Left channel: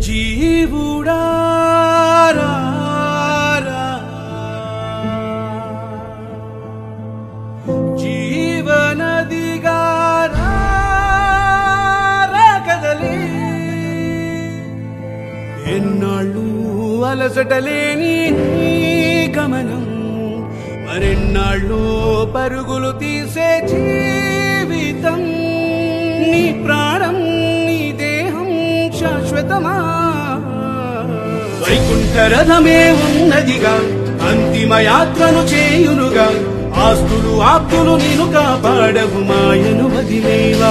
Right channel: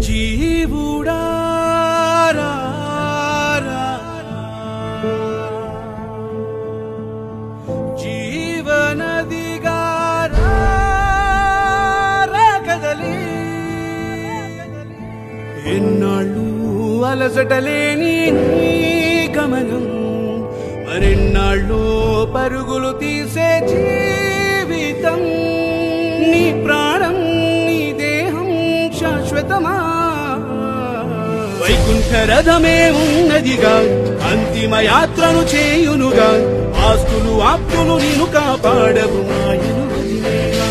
జీవుడా జీవనదిగా కదలి ఎన్నాళ్ళు అలసటలేని గమనం మరెన్నాళ్ళు పరుగులు తీసే జీవితం నీ ప్రాణం నీ దేహం శాశ్వతమా వైకుంఠ రథమే ఉన్నదిగా అంతిమ యాత్రను చేయునుగా ఆస్తులు ఆప్తులు నిన్ను కాపాడవు మాయను వదిలేవా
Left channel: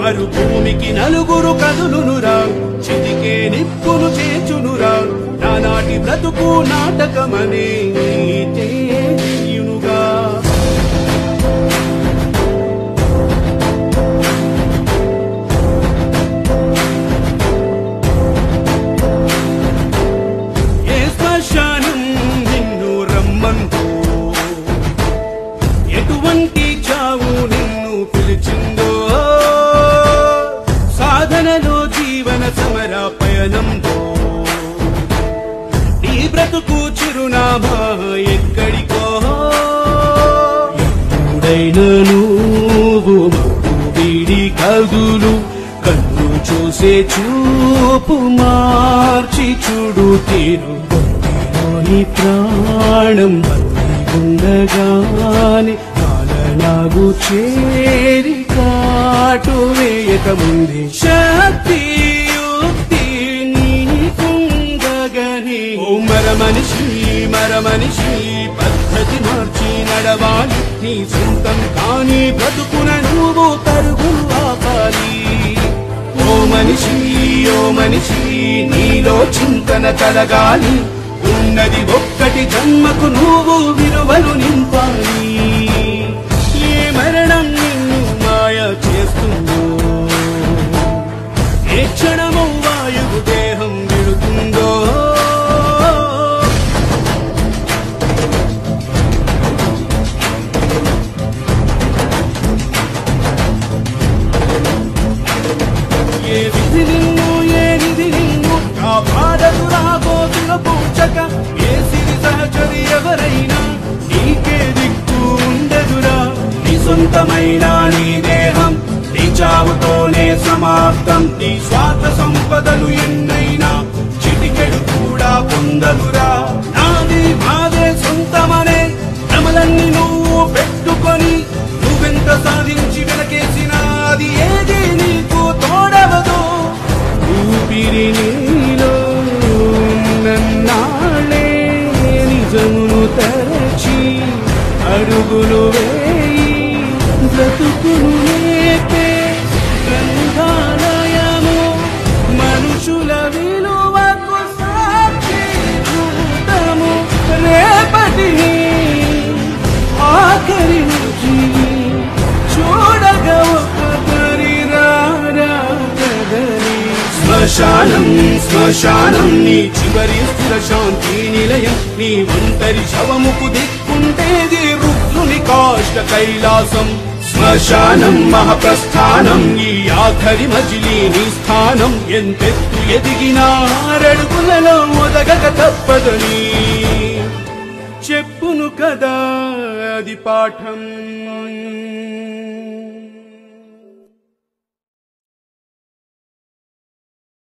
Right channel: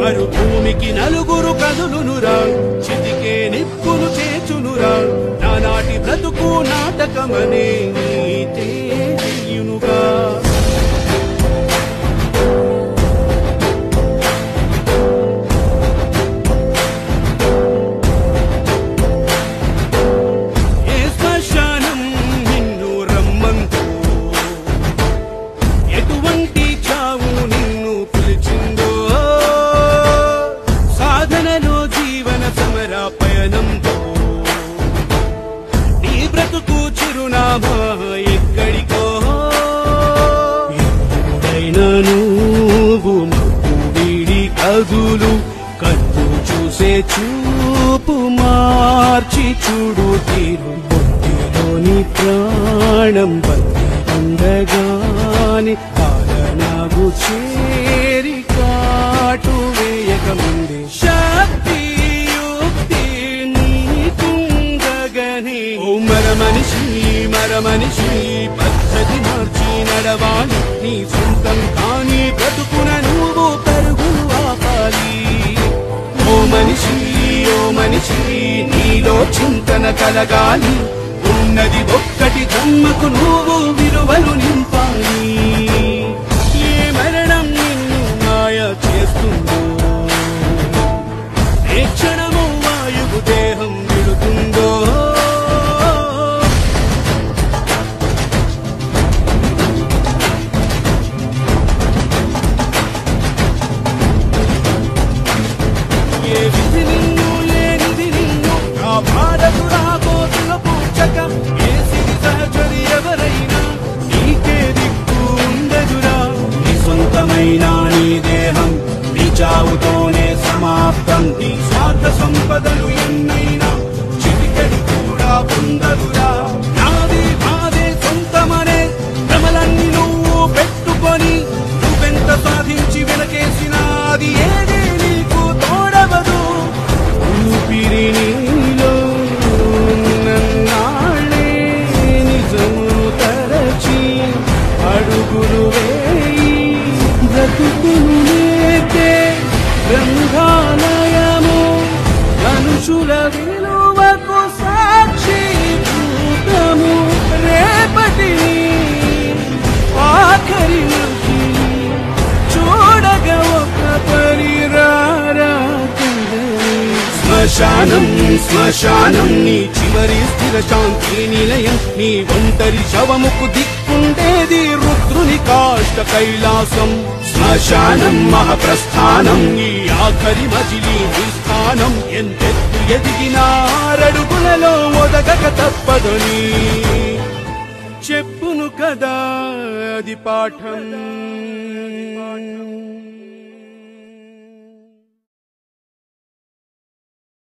మరు భూమికి నలుగురు కదులునురా చితికే నిప్పును చేచునురా నానాటి బ్రతుకు నాటకమనే నీటే తెలియునుగా ఏ శ్మశానం నిన్ను రమ్మంతో ఎటువంటి చావు నిన్ను పిలిచిందో సాధనలో జీవన సమర పయనంలో నీ బ్రతుకు చిరునామా ఎక్కడికో ఎప్పుడైనా నువ్వు వీడి కదులు కన్ను చూసే చూపు మార్చి చూడు తీరు నీ ప్రాణం ఉండగాని కాలనాగు చేరి కాటు వేయక ముందే శక్తి యుక్తి నీకుండగని ఓ మరమనిషి పద్ధతి మార్చి నడవాలి నీ సొంతం కాని బ్రతుకున నువ్వు పరుగులు ఆపాలి ఓ మనిషి నీలో చింతన కలగాలి ఉన్నది ఒక్కటి జన్మకు నువ్వు విలువలు నింపాలి ఏ మరణం నిన్ను మాయ చేస్తుందో ఏ క్షణము వాయువు దేహం విడుతుందో ఏ విధి నిన్ను ఏ నిధి నిన్ను కాపాడదురా గోతుల పూచక ఏ సిరి సహచరి ఎవరైనా నీకే దిక్కు ఉండదురా నీ సొంతమైన నీ దేహం నీ చావుతోనే సమాప్తం నీ స్వార్థ సంపదలు ఎన్నైనా చిటికెడు కూడా పొందదురా నాదే సొంతమనే భ్రమలన్నీ నువ్వు పెట్టుకొని నువ్వెంత సాధించి వెనకేసినా అది ఏది నీకు తోడవదు ఊపిరి నీలో నన్నాళ్ళే నిజము తలచి అడుగులు వేయి బ్రతుకునురేకే గ్రంథాలయము మనుషుల విలువకు సాక్షి చూడము రేపటిని ఆఖరి చూడగా ఒక శ్మశానం నీ చివరి స్థిర శాంతి నిలయం నీ ఒంటరి శవముకు దిక్కుంటేది రుద్రుని కాష్ట కైలాసం శ్మశానం మహాప్రస్థానం నీ ఆఖరి మజిలీ నీ స్థానం ఎంతెత్తు ఎదిగినా అడుగులలో ఒదగక తప్పదని చెప్పును కదా అది పాఠం